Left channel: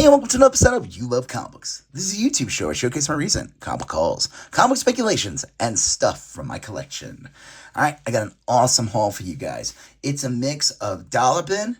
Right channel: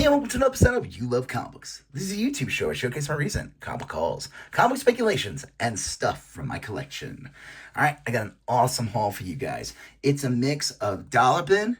Hey, and welcome to another episode of You Love Comic Books. This is a YouTube show. I showcase my recent comic hauls, comic speculations, and stuff from my collection. Alright, I got an awesome haul for you guys. It's a mix of dollar bin,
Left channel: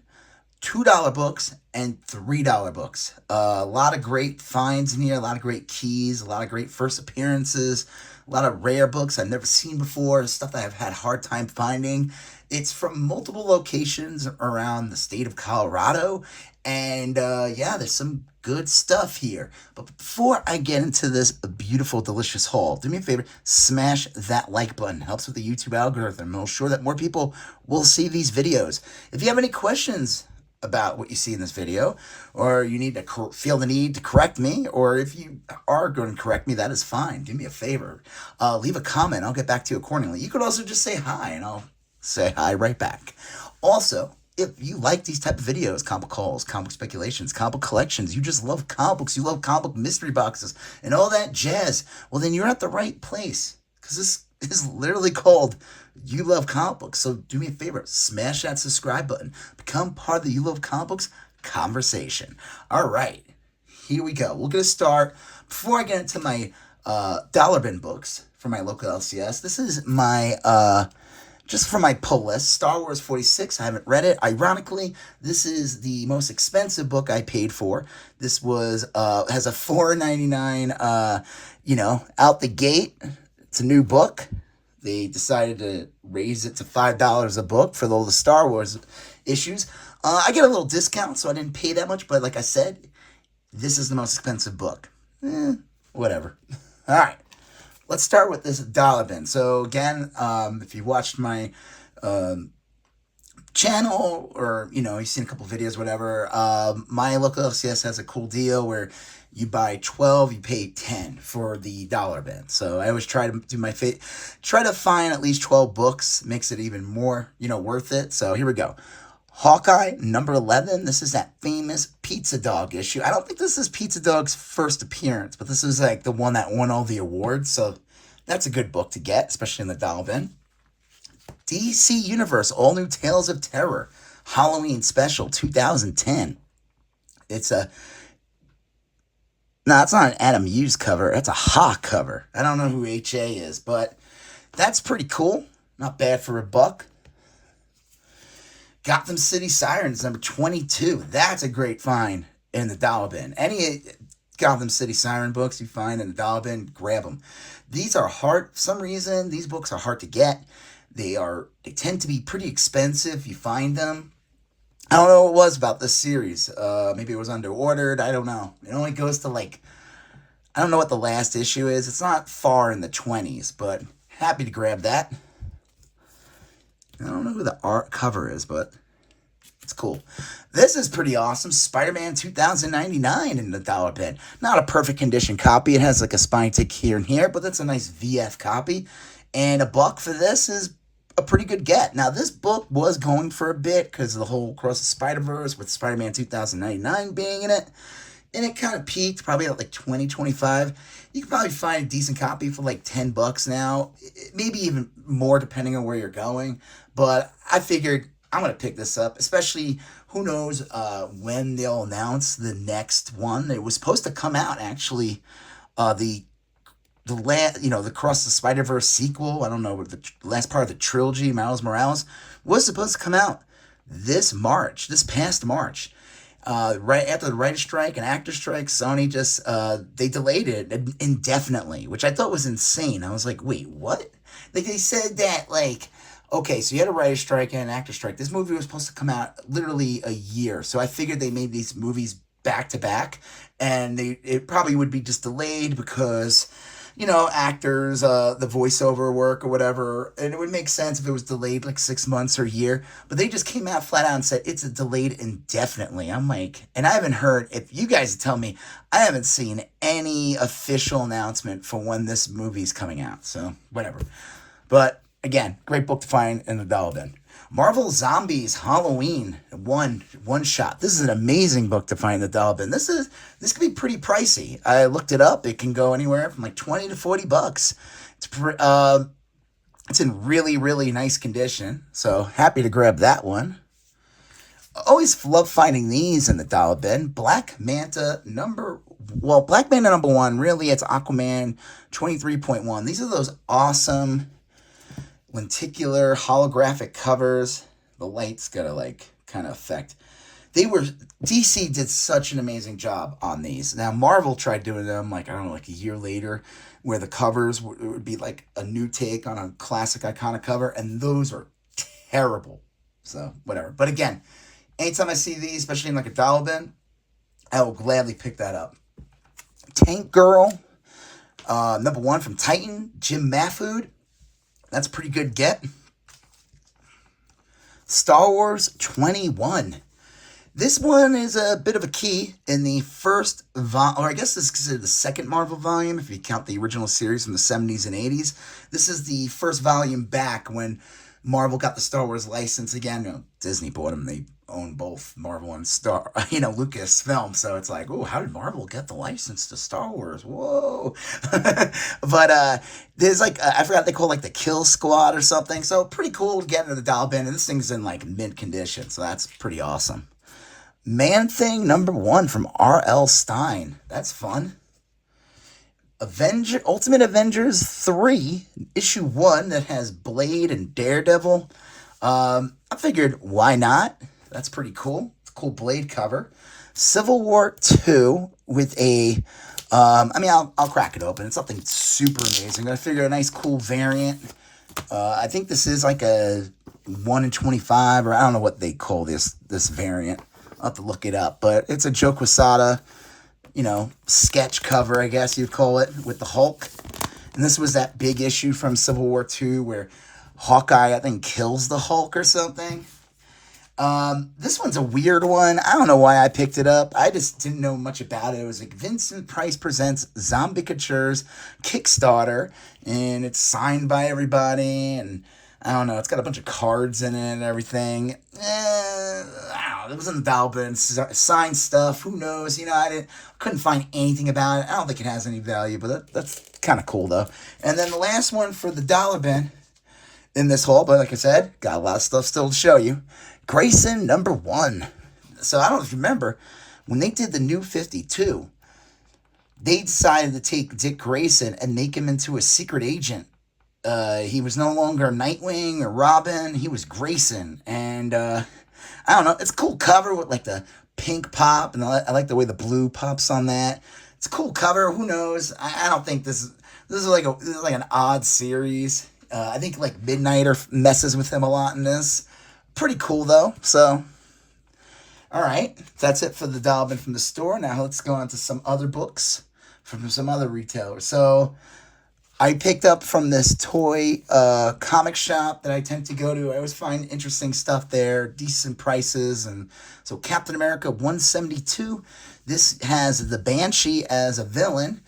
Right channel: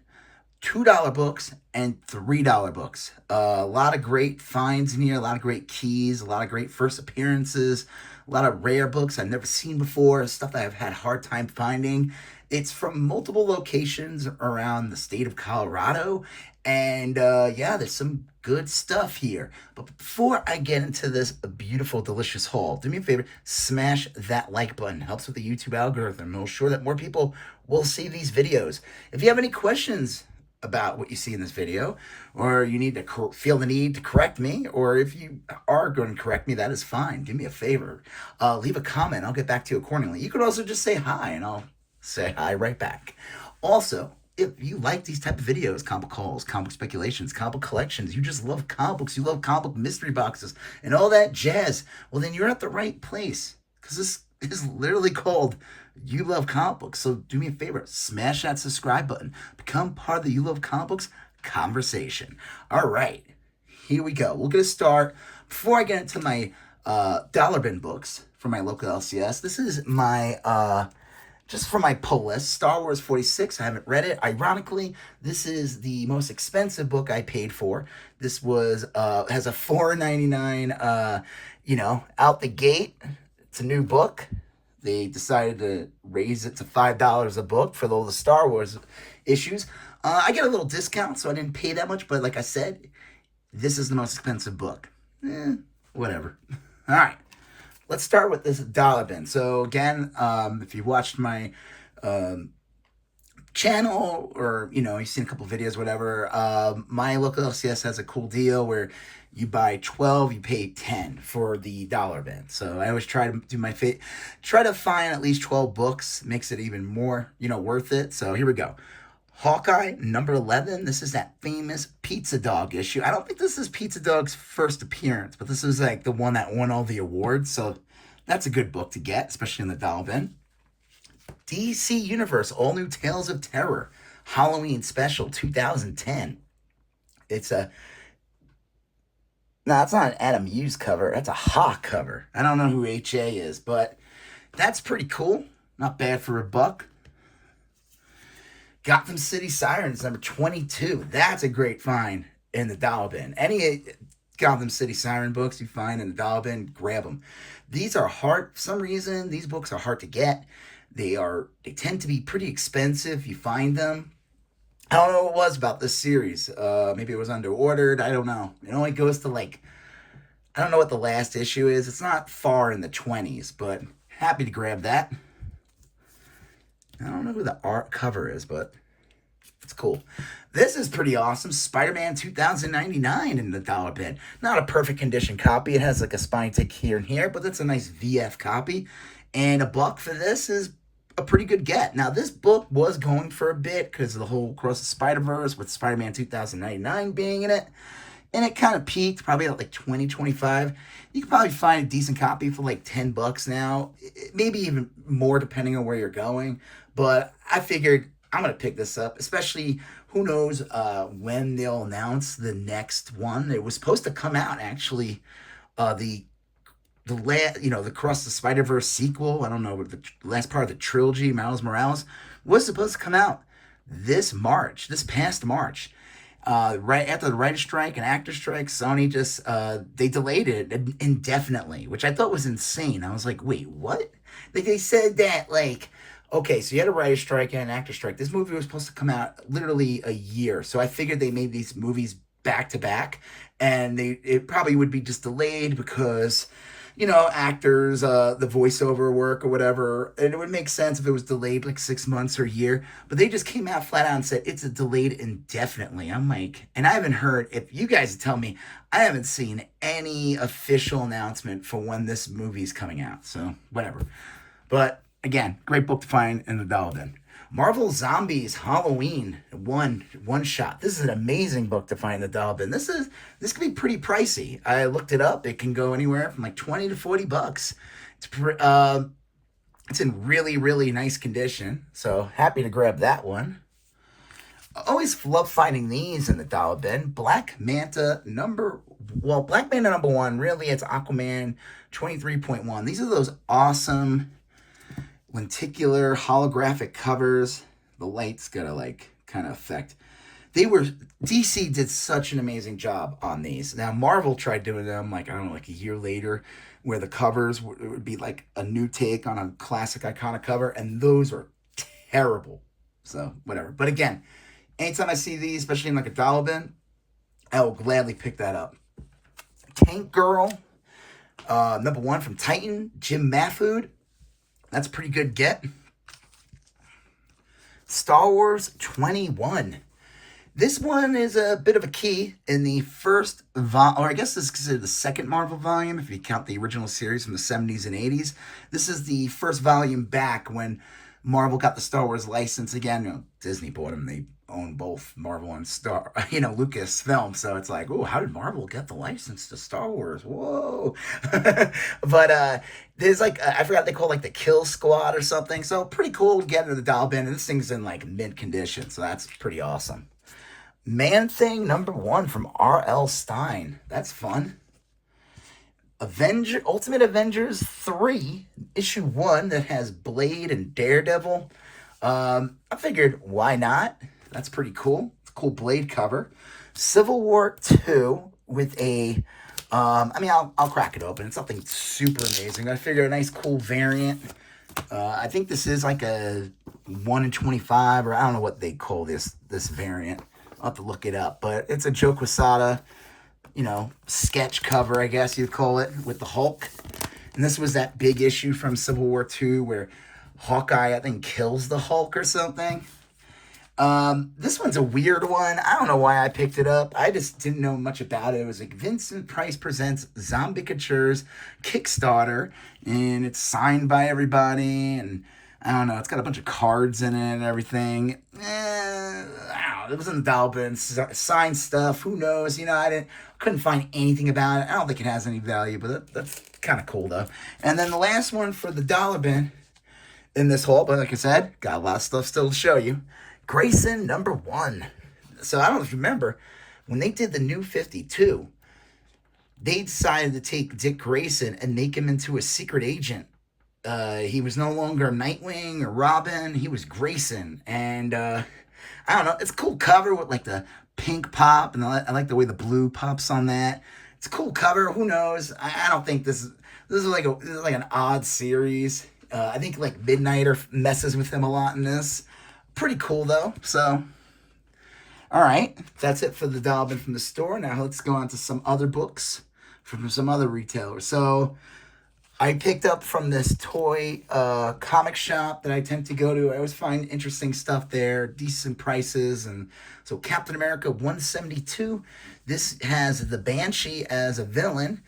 $2 books, and $3 books. A lot of great finds in here, a lot of great keys, a lot of great first appearances, a lot of rare books I've never seen before, stuff that I've had a hard time finding. It's from multiple locations around the state of Colorado. And yeah, there's some good stuff here. But before I get into this beautiful, delicious haul, do me a favor, smash that like button. It helps with the YouTube algorithm. It'll ensure that more people will see these videos. If you have any questions about what you see in this video, or you need to feel the need to correct me, or if you are going to correct me, that is fine. Do me a favor. Leave a comment. I'll get back to you accordingly. You could also just say hi, and I'll say hi right back. Also, if you like these type of videos, comic hauls, comic speculations, comic collections, you just love comic books, you love comic mystery boxes, and all that jazz, well, then you're at the right place. Because this is literally called You Love Comic Books. So do me a favor, smash that subscribe button. Become part of the You Love Comic Books conversation. All right, here we go. We're going to start, before I get into my dollar bin books from my local LCS, this is my... just for my pull list, Star Wars 46, I haven't read it. Ironically, this is the most expensive book I paid for. This was, has a $4.99, out the gate. It's a new book. They decided to raise it to $5 a book for all the Star Wars issues. I get a little discount, so I didn't pay that much. But like I said, this is the most expensive book. Whatever. All right. Let's start with this dollar bin. So again, if you watched my channel, or you've seen a couple videos, whatever, my local LCS has a cool deal where you buy 12, you pay 10 for the dollar bin. So I always try to do try to find at least 12 books, makes it even more worth it. So here we go. Hawkeye, number 11. This is that famous Pizza Dog issue. I don't think this is Pizza Dog's first appearance, but this is like the one that won all the awards. So that's a good book to get, especially in the dollar bin. DC Universe, All New Tales of Terror, Halloween Special 2010. It's not an Adam Hughes cover. It's a Hawk cover. I don't know who HA is, but that's pretty cool. Not bad for a buck. Gotham City Sirens, number 22. That's a great find in the dollar bin. Any Gotham City Siren books you find in the dollar bin, grab them. These are hard. For some reason, these books are hard to get. They tend to be pretty expensive. You find them. I don't know what it was about this series. Maybe it was under-ordered. I don't know. It only goes to I don't know what the last issue is. It's not far in the 20s, but happy to grab that. I don't know who the art cover is, but it's cool. This is pretty awesome. Spider-Man 2099 in the dollar bin. Not a perfect condition copy. It has like a spine tick here and here, but that's a nice VF copy. And a buck for this is a pretty good get. Now, this book was going for a bit because of the whole Across the Spider-Verse with Spider-Man 2099 being in it. And it kind of peaked probably at like 20, 25. You can probably find a decent copy for like 10 bucks now. Maybe even more depending on where you're going. But I figured I'm going to pick this up, especially who knows when they'll announce the next one. It was supposed to come out, actually, the Across the Spider-Verse sequel. I don't know, the last part of the trilogy, Miles Morales, was supposed to come out this past March. Right after the writer's strike and actor strike, Sony just, they delayed it indefinitely, which I thought was insane. I was like, wait, what? They said that, okay, so you had a writer's strike and an actor strike. This movie was supposed to come out literally a year. So I figured they made these movies back to back, and it probably would be just delayed because, actors, the voiceover work or whatever. And it would make sense if it was delayed like 6 months or a year. But they just came out flat out and said it's delayed indefinitely. I'm like, and I haven't heard, if you guys tell me, I haven't seen any official announcement for when this movie's coming out. So whatever. But again, great book to find in the dollar bin. Marvel Zombies Halloween one shot. This is an amazing book to find in the dollar bin. This can be pretty pricey. I looked it up. It can go anywhere from like 20 to 40 bucks. It's in really, really nice condition. So happy to grab that one. Always love finding these in the dollar bin. Black Manta number one, really, it's Aquaman 23.1. These are those awesome lenticular holographic covers. The light's gotta like kind of affect. DC did such an amazing job on these. Now Marvel tried doing them like I don't know, like a year later, where the covers would be like a new take on a classic iconic cover, and those are terrible. So whatever. But again, anytime I see these, especially in like a dollar bin, I will gladly pick that up. Tank Girl, number one from Titan, Jim Mahfood. That's a pretty good get. Star Wars 21. This one is a bit of a key in the first, or I guess this is considered the second Marvel volume, if you count the original series from the 70s and 80s. This is the first volume back when Marvel got the Star Wars license again. You know, Disney bought them. They own both Marvel and Lucasfilm. So it's like, oh, how did Marvel get the license to Star Wars? Whoa. But there's like, I forgot they call like the Kill Squad or something. So pretty cool to get into the dollar bin. And this thing's in like mint condition. So that's pretty awesome. Man-Thing number one from R.L. Stine. That's fun. Ultimate Avengers 3, issue 1 that has Blade and Daredevil. I figured, why not? That's pretty cool. It's a cool Blade cover. Civil War 2 with a, I'll crack it open. It's something super amazing. I figured a nice cool variant. I think this is like a 1 in 25, or I don't know what they call this variant. I'll have to look it up, but it's a Joe Quesada, sketch cover, I guess you'd call it, with the Hulk. And this was that big issue from Civil War II where Hawkeye, I think, kills the Hulk or something. This one's a weird one. I don't know why I picked it up. I just didn't know much about it. It was like Vincent Price Presents Zombicatures Kickstarter, and it's signed by everybody, and I don't know. It's got a bunch of cards in it and everything. I don't know. It was in the dollar bin. Signed stuff. Who knows? Couldn't find anything about it. I don't think it has any value, but that's kind of cool though. And then the last one for the dollar bin in this haul, but like I said, got a lot of stuff still to show you. Grayson number one. So I don't know if you remember when they did the New 52, they decided to take Dick Grayson and make him into a secret agent. He was no longer Nightwing or Robin. He was Grayson. And, I don't know. It's a cool cover with like the pink pop. And I like the way the blue pops on that. It's a cool cover. Who knows? I don't think this is like an odd series. I think like Midnighter messes with him a lot in this. Pretty cool though. So, all right. That's it for the dollar bin from the store. Now let's go on to some other books from some other retailers. So, I picked up from this toy comic shop that I tend to go to. I always find interesting stuff there, decent prices. And so Captain America 172, this has the Banshee as a villain.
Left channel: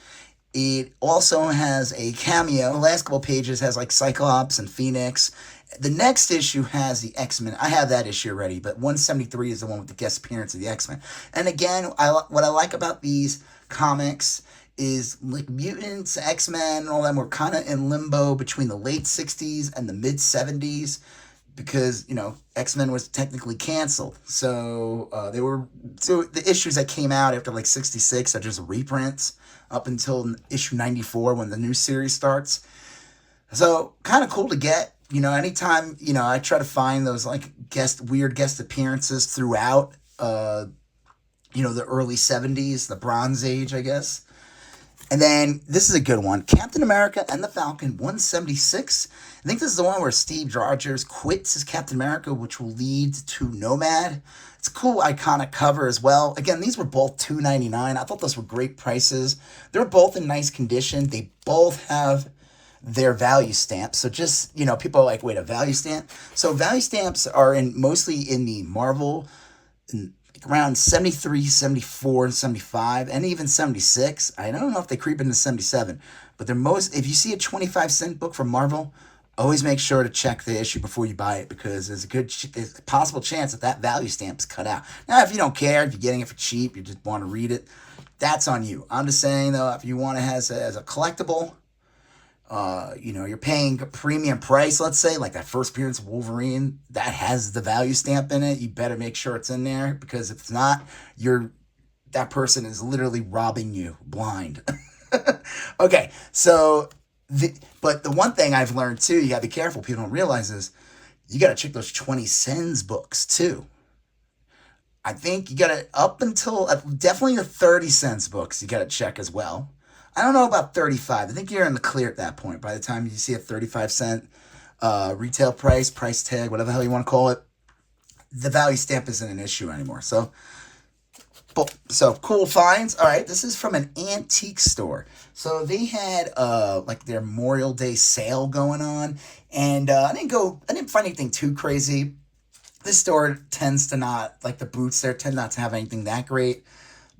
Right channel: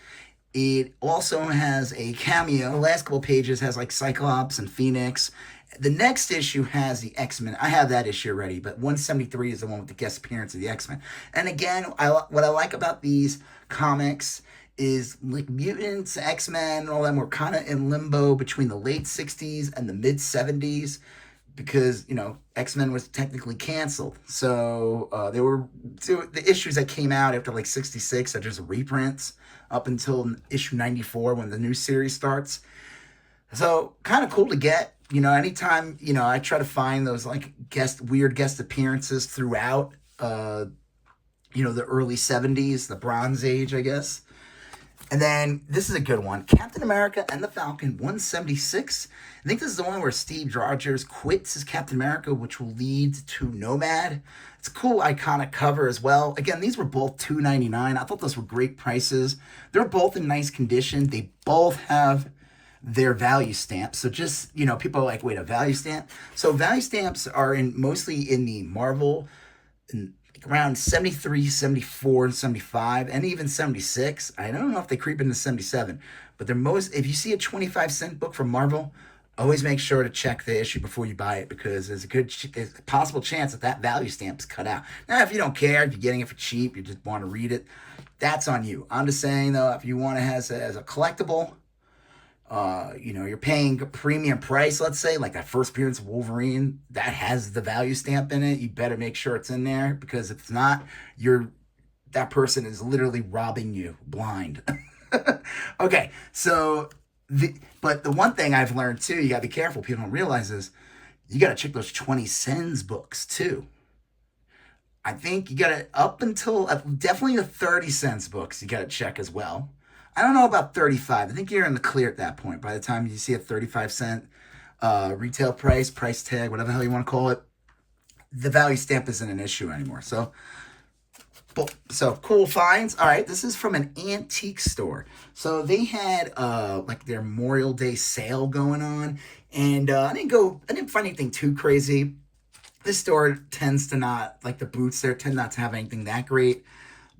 It also has a cameo. The last couple pages has like Cyclops and Phoenix. The next issue has the X-Men. I have that issue already, but 173 is the one with the guest appearance of the X-Men. And again, what I like about these comics is like mutants, X-Men, and all them were kind of in limbo between the late 60s and the mid 70s because, X-Men was technically canceled. So the issues that came out after like 66 are just reprints up until issue 94 when the new series starts. So kind of cool to get, anytime, I try to find those like weird guest appearances throughout, the early 70s, the Bronze Age, I guess. And then, this is a good one. Captain America and the Falcon, 176. I think this is the one where Steve Rogers quits as Captain America, which will lead to Nomad. It's a cool, iconic cover as well. Again, these were both $2.99. I thought those were great prices. They're both in nice condition. They both have their value stamps. So just, people are like, wait, a value stamp? So value stamps are mostly in the Marvel around 73, 74, and 75, and even 76. I don't know if they creep into 77, but if you see a 25-cent book from Marvel, always make sure to check the issue before you buy it because there's a possible chance that value stamp's cut out. Now, if you don't care, if you're getting it for cheap, you just want to read it, that's on you. I'm just saying, though, if you want it as a collectible, You're paying a premium price, let's say, like that first appearance of Wolverine, that has the value stamp in it. You better make sure it's in there, because if it's not, that person is literally robbing you blind. Okay, so but the one thing I've learned too, you gotta be careful, people don't realize, is you gotta check those 20 cents books too. I think you gotta, up until definitely the 30 cents books, you gotta check as well. I don't know about 35. I think you're in the clear at that point. By the time you see a 35 cent retail price tag, whatever the hell you want to call it, the value stamp isn't an issue anymore. So cool finds. All right, this is from an antique store. So they had like their Memorial Day sale going on, and I didn't find anything too crazy. This store tends to not, like the boots there tend not to have anything that great.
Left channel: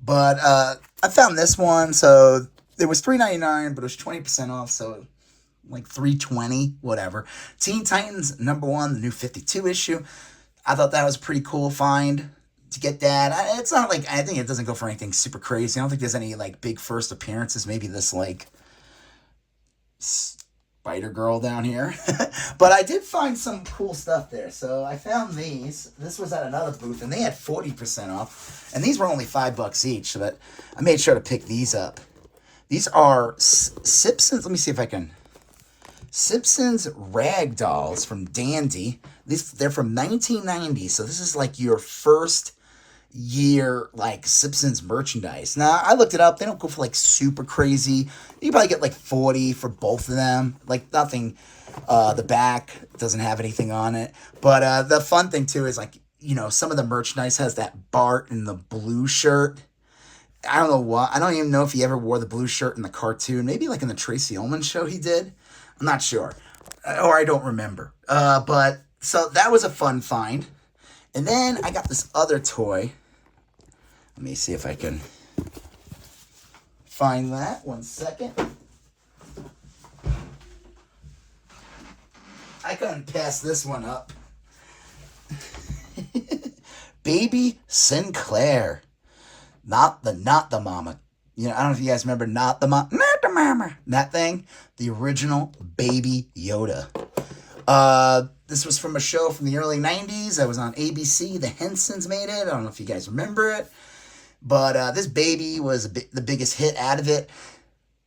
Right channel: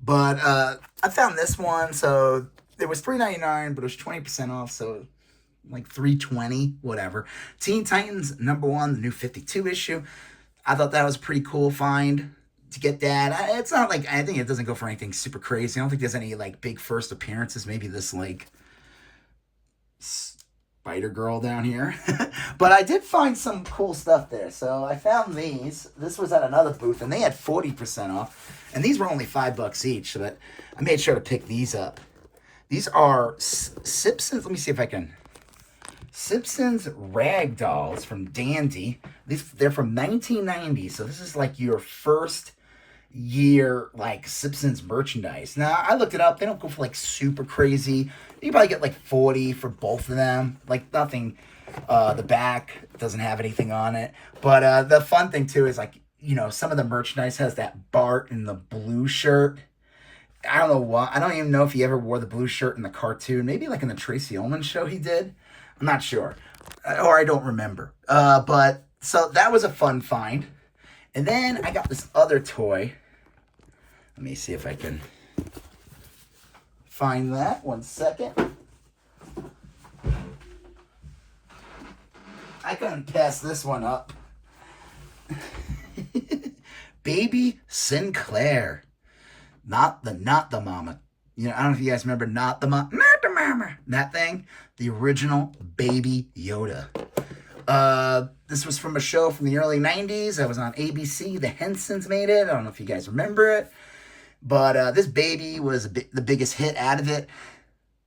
But I found this one, so it was $3.99, but it was 20% off, so like $3.20, whatever. Teen Titans #1, the new 52 issue. I thought that was a pretty cool find to get that. It's not like, I think it doesn't go for anything super crazy. I don't think there's any like big first appearances. Maybe this like Spider Girl down here. But I did find some cool stuff there. So I found these. This was at another booth, and they had 40% off. And these were only $5 each, but I made sure to pick these up. These are Simpsons. Let me see if I can. Simpsons rag dolls from Dandy. They're from 1990, so this is like your first year like Simpsons merchandise. Now I looked it up. They don't go for like super crazy. You probably get like 40 for both of them. Like nothing. The back doesn't have anything on it. But the fun thing too is like, some of the merchandise has that Bart in the blue shirt. I don't know why. I don't even know if he ever wore the blue shirt in the cartoon. Maybe like in the Tracy Ullman show he did. I'm not sure. Or I don't remember. But so that was a fun find. And then I got this other toy. Let me see if I can find that. 1 second. I couldn't pass this one up. Baby Sinclair. Not the mama. I don't know if you guys remember not the mama. That thing. The original Baby Yoda. This was from a show from the early 90s. That was on ABC. The Hensons made it. I don't know if you guys remember it. But this baby was the biggest hit out of it.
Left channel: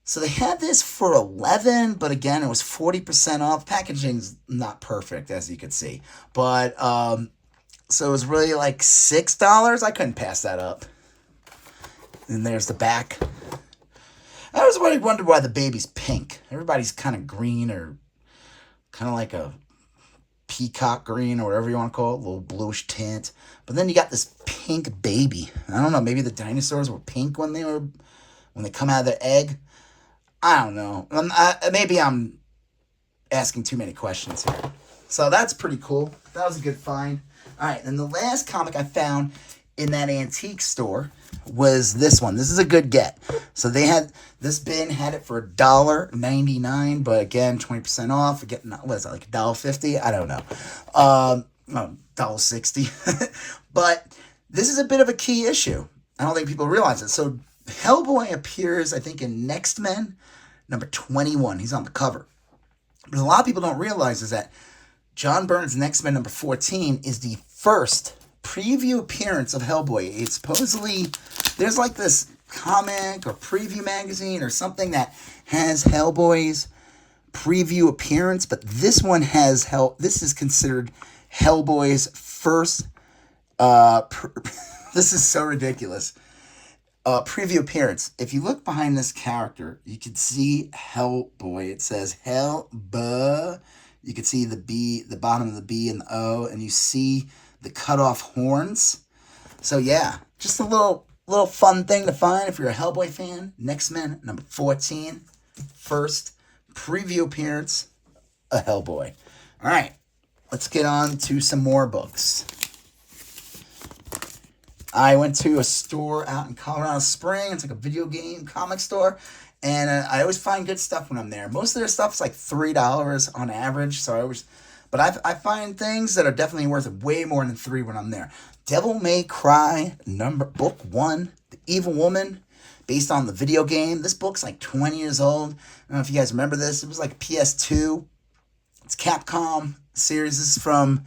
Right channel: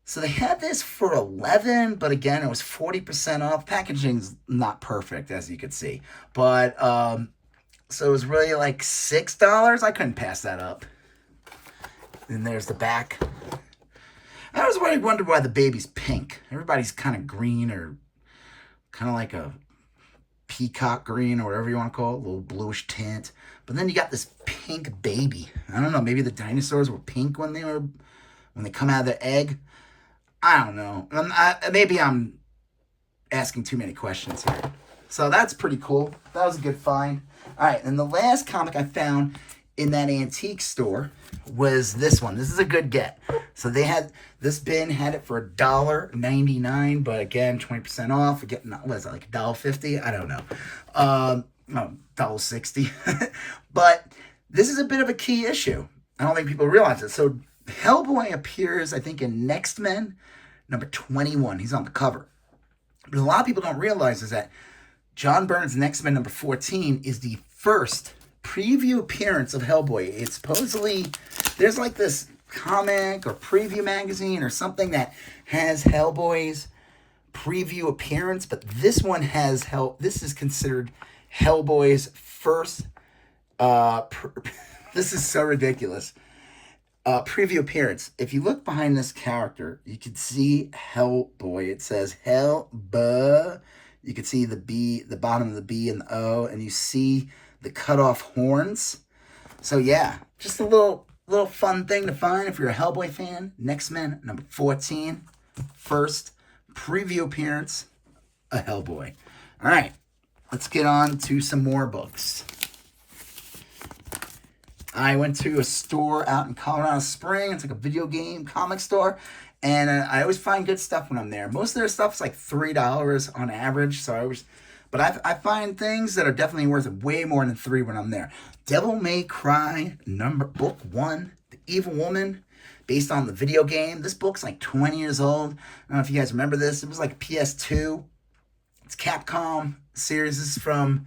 So they had this for $11, but again, it was 40% off. Packaging's not perfect, as you could see. But, so it was really like $6. I couldn't pass that up. And there's the back. I always wondered why the baby's pink. Everybody's kind of green, or kind of like a peacock green, or whatever you want to call it, a little bluish tint. But then you got this pink baby. I don't know, maybe the dinosaurs were pink when they come out of their egg. I don't know. Maybe I'm asking too many questions here. So that's pretty cool. That was a good find. All right, and the last comic I found in that antique store was this one. This is a good get. So they had, this bin had it for $1.99, but again, 20% off. We're getting, what is it, like $1.50? I don't know. $1.60. But this is a bit of a key issue. I don't think people realize it. So Hellboy appears, I think, in Next Men, number 21. He's on the cover. But a lot of people don't realize is that John Byrne's Next Men number 14 is the first preview appearance of Hellboy. It's supposedly, there's like this comic or preview magazine or something that has Hellboy's preview appearance, but this one has this is considered Hellboy's first this is so ridiculous. Preview appearance. If you look behind this character, you can see Hellboy. It says Hellboy. You can see the B, the bottom of the B and the O, and you see the cut off horns. So yeah, just a little fun thing to find if you're a Hellboy fan. Next Men number 14, first preview appearance, a Hellboy. All right, let's get on to some more books. I went to a store out in Colorado Springs. It's like a video game comic store. And I always find good stuff when I'm there. Most of their stuff is like $3 on average. But I find things that are definitely worth way more than $3 when I'm there. Devil May Cry, book 1, The Evil Woman. based on the video game. This book's like 20 years old. I don't know if you guys remember this. It was like PS2. It's Capcom series. This is from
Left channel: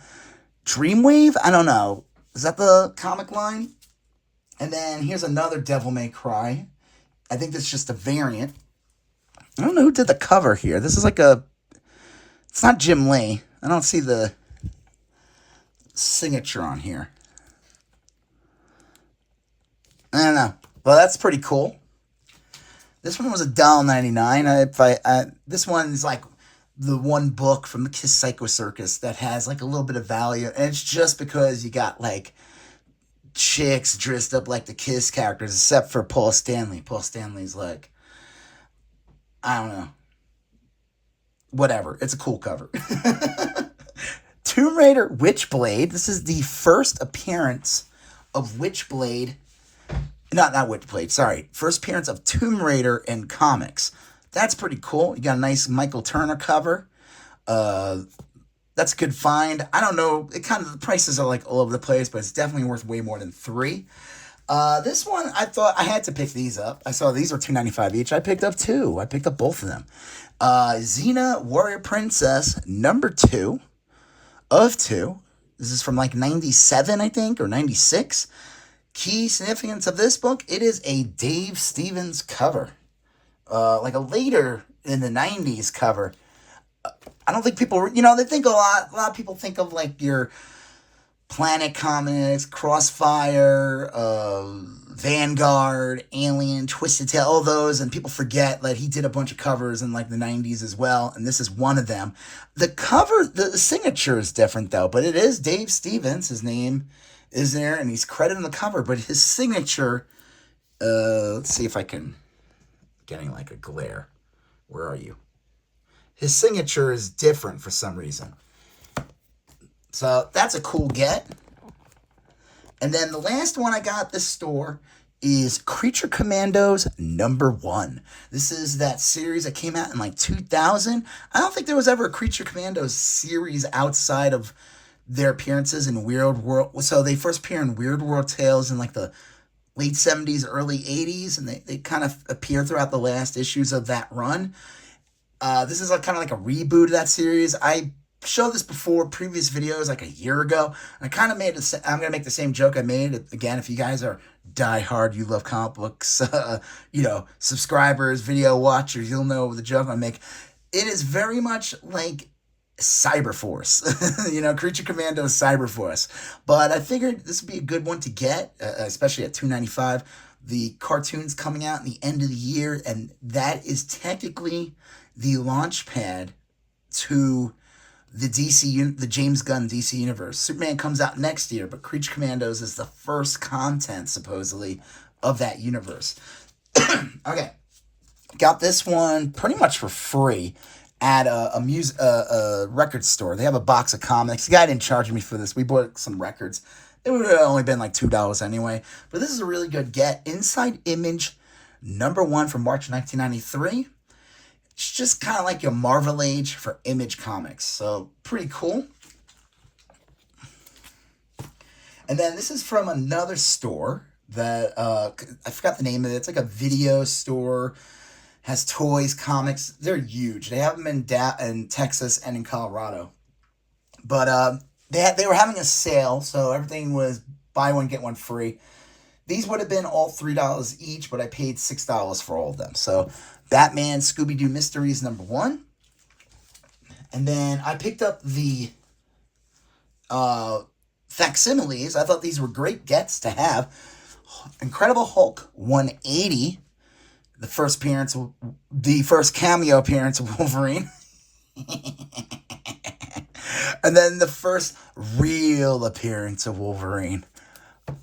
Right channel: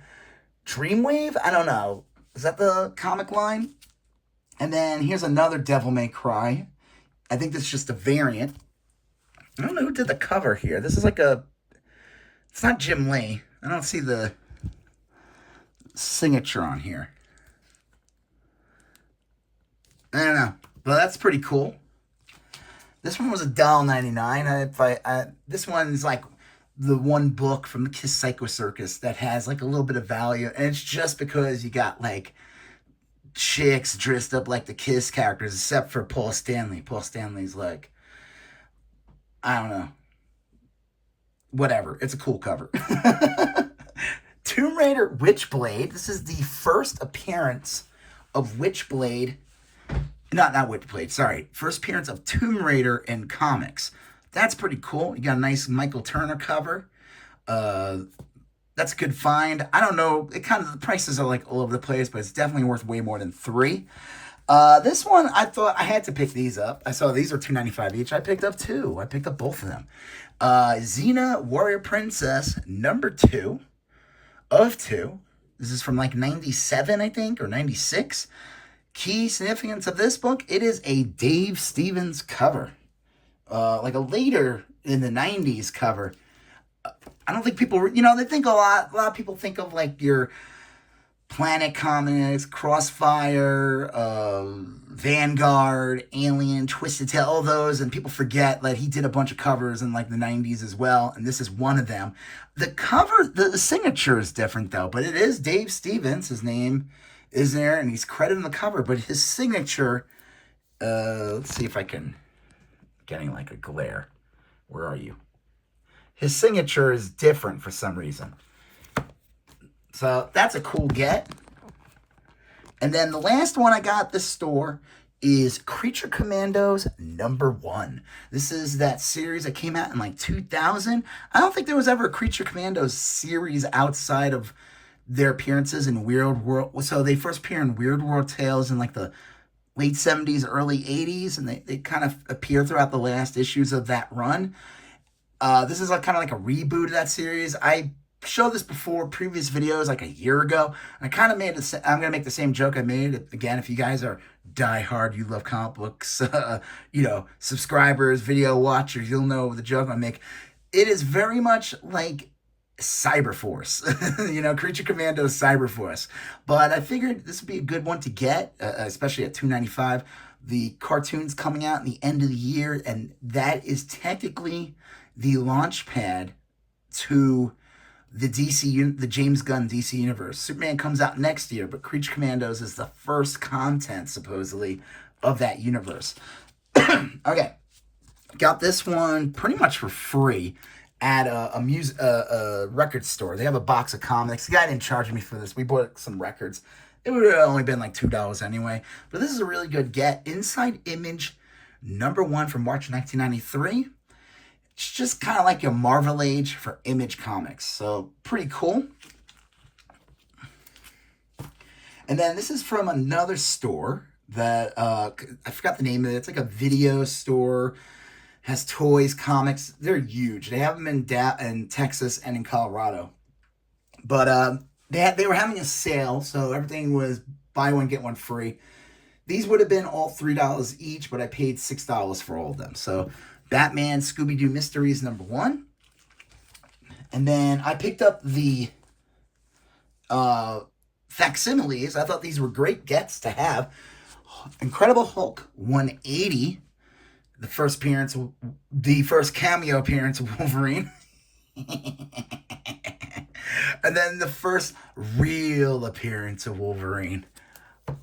Dreamwave? I don't know. Is that the comic line? And then here's another Devil May Cry. I think that's just a variant. I don't know who did the cover here. This is like a... It's not Jim Lee. I don't see the signature on here. I don't know. But that's pretty cool. This one was $1.99. This one's like the one book from the Kiss Psycho Circus that has like a little bit of value. And it's just because you got like chicks dressed up like the Kiss characters, except for Paul Stanley. Paul Stanley's like, I don't know. Whatever. It's a cool cover. Tomb Raider Witchblade. This is the first appearance of Witchblade. Not Witchblade, sorry. First appearance of Tomb Raider in comics. That's pretty cool. You got a nice Michael Turner cover. That's a good find. I don't know. The prices are like all over the place, but it's definitely worth way more than $3. This one, I thought I had to pick these up. I saw these were $2.95 each. I picked up 2. I picked up both of them. Xena Warrior Princess number 2 of 2. This is from like 97, I think, or 96. Key significance of this book, it is a Dave Stevens cover. Like a later in the 90s cover. I don't think people, they think a lot of people think of like your Planet Comics, Crossfire, Vanguard, Alien, Twisted Tale, all those, and people forget that he did a bunch of covers in like the 90s as well, and this is one of them. The cover, the signature is different though, but it is Dave Stevens. His name is there, and he's credited on the cover, but his signature, let's see if I can, getting like a glare. Where are you? His signature is different for some reason. So that's a cool get. And then the last one I got at this store is Creature Commandos number 1. This is that series that came out in like 2000. I don't think there was ever a Creature Commandos series outside of their appearances in Weird World. So they first appear in Weird World Tales in like the late 70s, early 80s, and they kind of appear throughout the last issues of that run. This is like kind of like a reboot of that series. I showed this before, previous videos, like a year ago. I kind of made I'm going to make the same joke I made. Again, if you guys are diehard, you love comic books, subscribers, video watchers, you'll know the joke I make. It is very much like Cyberforce, Creature Commandos Cyberforce. But I figured this would be a good one to get, especially at $2.95. The cartoon's coming out in the end of the year, and that is technically the launch pad to the James Gunn DC Universe. Superman comes out next year, but Creature Commandos is the first content, supposedly, of that universe. Okay. Got this one pretty much for free at a record store. They have a box of comics. The guy didn't charge me for this. We bought some records. It would have only been like $2 anyway. But this is a really good get. Inside Image number 1 from March 1993. It's just kind of like your Marvel Age for Image Comics. So, pretty cool. And then this is from another store that, I forgot the name of it. It's like a video store. Has toys, comics. They're huge. They have them in Texas and in Colorado. But they were having a sale, so everything was buy one, get one free. These would have been all $3 each, but I paid $6 for all of them. So, Batman Scooby-Doo Mysteries number 1. And then I picked up the facsimiles. I thought these were great gets to have. Incredible Hulk 180. The first cameo appearance of Wolverine. And then the first real appearance of Wolverine.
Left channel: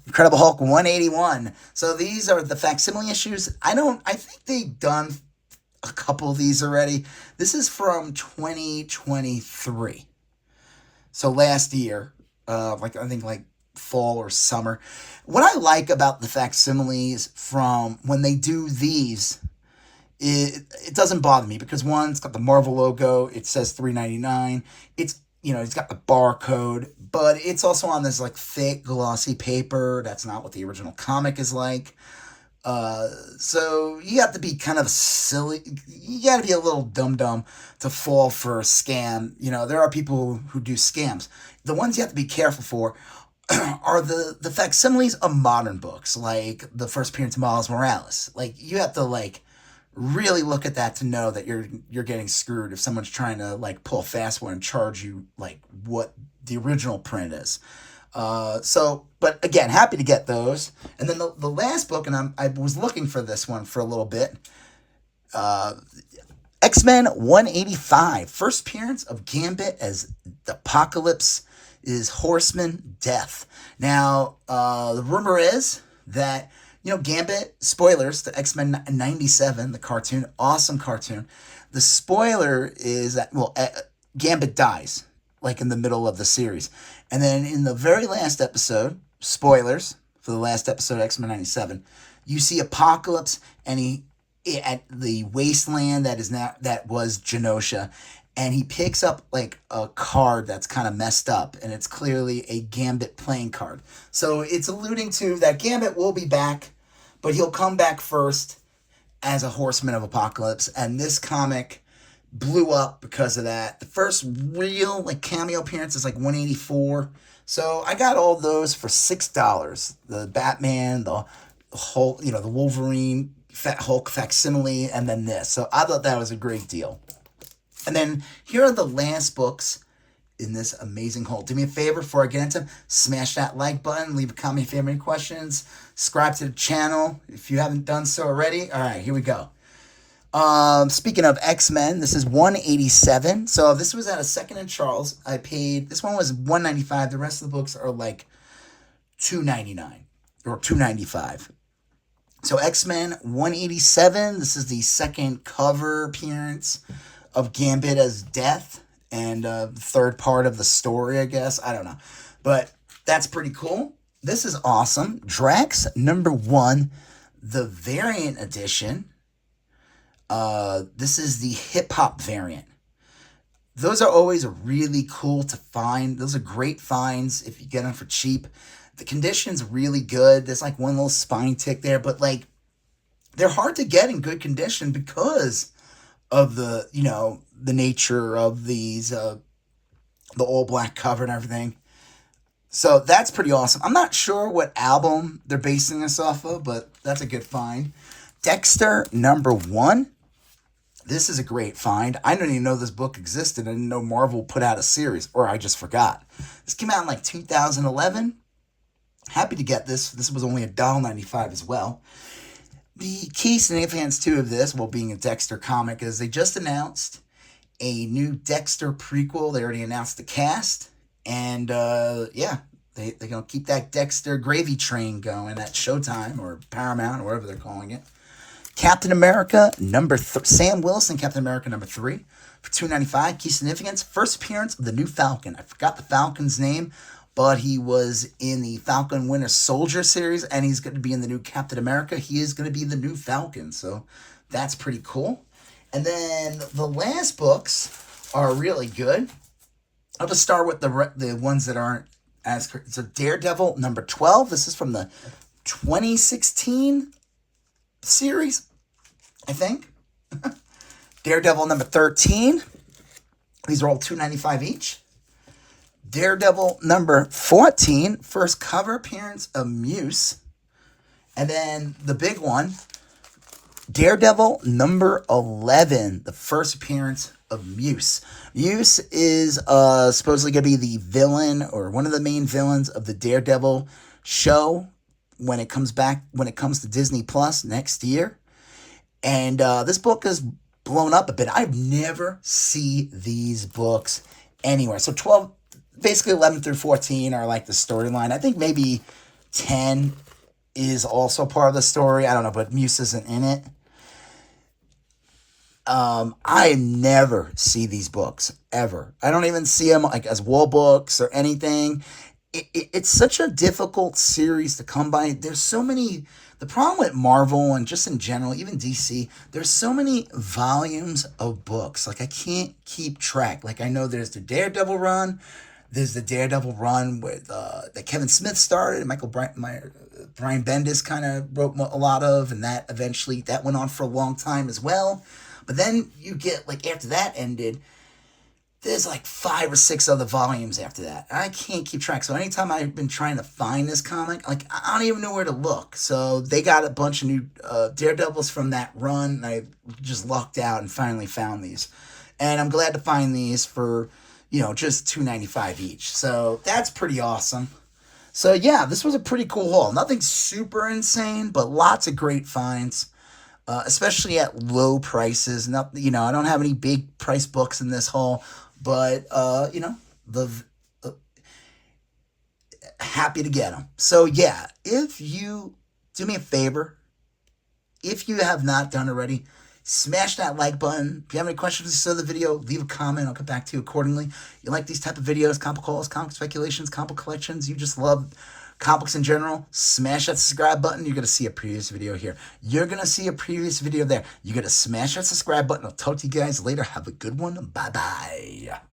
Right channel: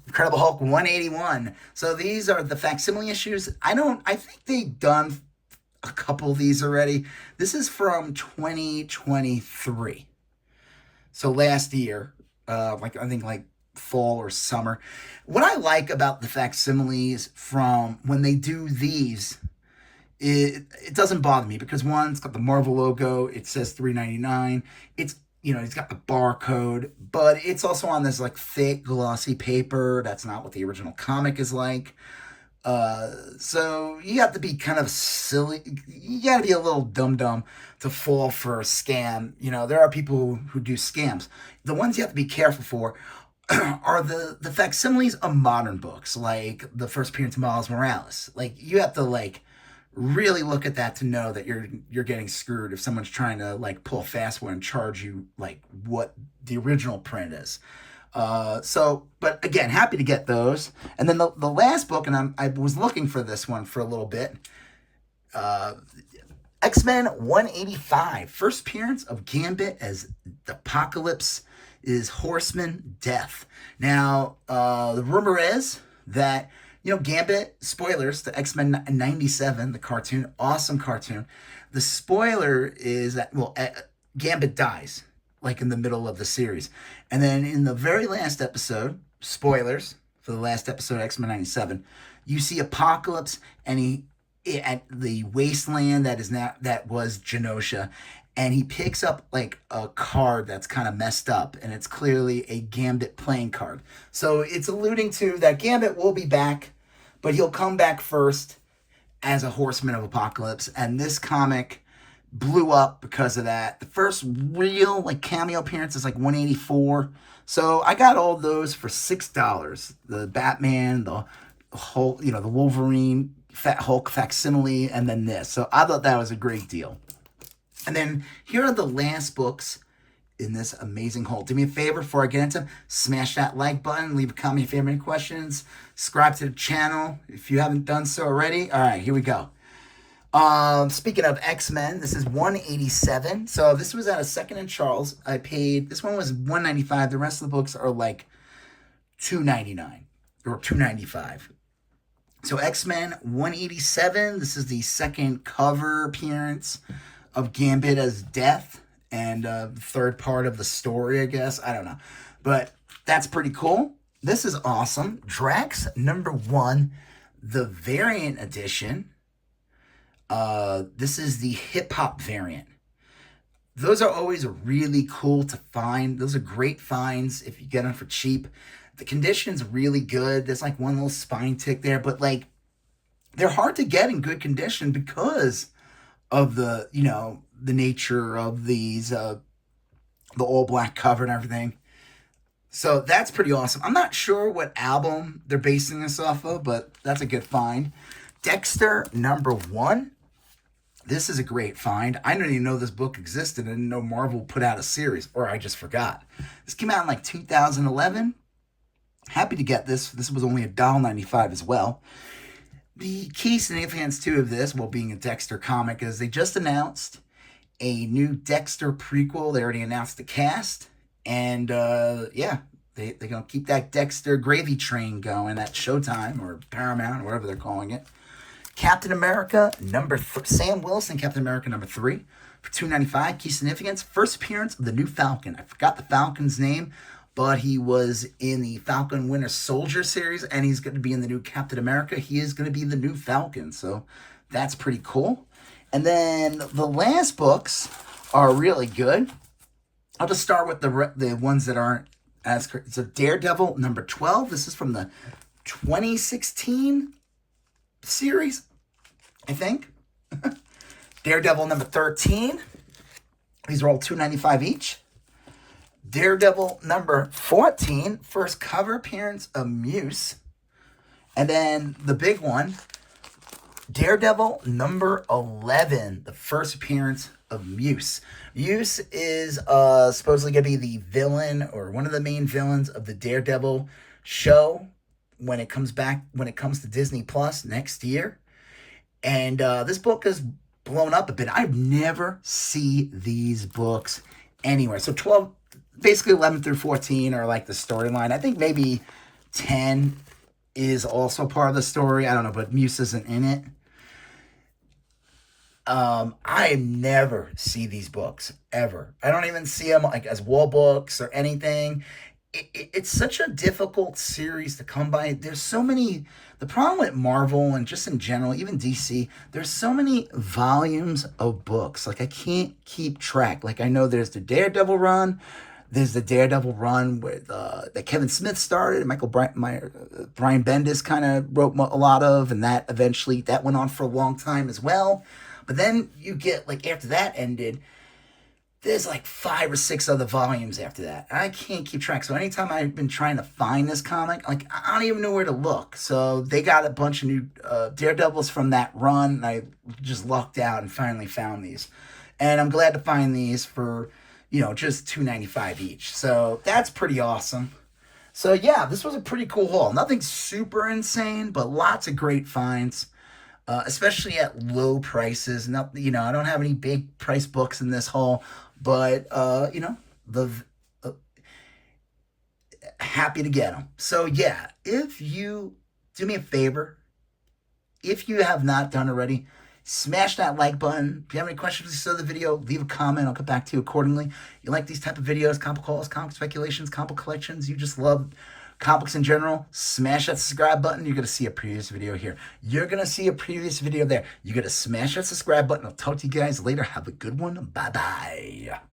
Incredible Hulk 181. So these are the facsimile issues. I think they've done a couple of these already. This is from 2023. So last year, I think fall or summer. What I like about the facsimiles from when they do these, it doesn't bother me because one, it's got the Marvel logo. It says $3.99. It's it's got the barcode, but it's also on this like thick glossy paper. That's not what the original comic is like. So you have to be kind of silly. You got to be a little dumb to fall for a scam. You know, there are people who do scams. The ones you have to be careful for are the facsimiles of modern books, like the first appearance of Miles Morales. Like you have to like really look at that to know that you're getting screwed if someone's trying to like pull a fast one and charge you like what the original print is. But again, happy to get those. And then the last book, and I was looking for this one for a little bit. X-Men 185, first appearance of Gambit as the Apocalypse is Horseman Death. Now, the rumor is that, you know, Gambit, spoilers to X-Men 97, the cartoon, awesome cartoon. The spoiler is that, well, Gambit dies, like in the middle of the series. And then in the very last episode, spoilers for the last episode of X-Men 97, you see Apocalypse and he at the wasteland that was Genosha, and he picks up like a card that's kind of messed up, and it's clearly a Gambit playing card. So it's alluding to that Gambit will be back, but he'll come back first as a Horseman of Apocalypse, and this comic blew up because of that. The first real like cameo appearance is like 184. So I got all those for $6. The Batman, the Hulk, you know, the Wolverine, Hulk facsimile, and then this. So I thought that was a great deal. And then here are the last books in this amazing haul. Do me a favor before I get into them, smash that like button, leave a comment if you have any questions, subscribe to the channel if you haven't done so already. All right, here we go. Speaking of X-Men, this is 187. So this was at a Second and Charles. I paid, this one was 195. The rest of the books are like 299 or 295. So X-Men 187. This is the second cover appearance of Gambit as Death and third part of the story, I guess. I don't know. But that's pretty cool. This is awesome. Drax #1, the variant edition. This is the hip-hop variant. Those are always really cool to find. Those are great finds if you get them for cheap. The condition's really good. There's like one little spine tick there, but like they're hard to get in good condition because of the, you know, the nature of these, the all black cover and everything. So that's pretty awesome. I'm not sure what album they're basing this off of, but that's a good find. Dexter #1. This is a great find. I didn't even know this book existed. I didn't know Marvel put out a series, or I just forgot. This came out in like 2011. Happy to get this. This was only $1.95 as well. The key significance too of this, while being a Dexter comic, is they just announced a new Dexter prequel. They already announced the cast. And yeah, they're going to keep that Dexter gravy train going at Showtime or Paramount or whatever they're calling it. Captain America Sam Wilson, Captain America #3 for $2.95. Key significance, first appearance of the new Falcon. I forgot the Falcon's name, but he was in the Falcon Winter Soldier series, and he's going to be in the new Captain America. He is going to be the new Falcon, so that's pretty cool. And then the last books are really good. I'll just start with the ones that aren't as correct. So Daredevil #12. This is from the 2016 series, I think. Daredevil #13. These are all $2.95 each. Daredevil #14, first cover appearance of Muse. And then the big one, Daredevil #11, the first appearance of Muse. Muse is supposedly going to be the villain or one of the main villains of the Daredevil show when it comes to Disney Plus next year. And this book is blown up a bit. I've never seen these books anywhere. So 12, basically 11 through 14 are like the storyline. I think maybe 10 is also part of the story. I don't know, but Muse isn't in it. I never see these books, ever. I don't even see them like as wall books or anything. It's such a difficult series to come by. There's so many, the problem with Marvel and just in general, even DC, there's so many volumes of books. Like I can't keep track. Like I know there's the Daredevil run, There's the Daredevil run with that Kevin Smith started, and Brian Bendis kind of wrote a lot of, and that eventually that went on for a long time as well. But then you get like after that ended, there's like 5 or 6 other volumes after that. I can't keep track. So anytime I've been trying to find this comic, like I don't even know where to look. So they got a bunch of new Daredevils from that run, and I just lucked out and finally found these. And I'm glad to find these for, just $2.95 each. So that's pretty awesome. So yeah, this was a pretty cool haul. Nothing super insane, but lots of great finds. Especially at low prices. Not, I don't have any big price books in this haul, but the happy to get them. So yeah, if you do me a favor, if you have not done already, smash that like button. If you have any questions for the video, leave a comment. I'll get back to you accordingly. You like these type of videos, comic hauls, comic speculations, comic collections, you just love comics in general, smash that subscribe button. You're going to see a previous video here. You're going to see a previous video there. You're going to smash that subscribe button. I'll talk to you guys later. Have a good one. Bye-bye.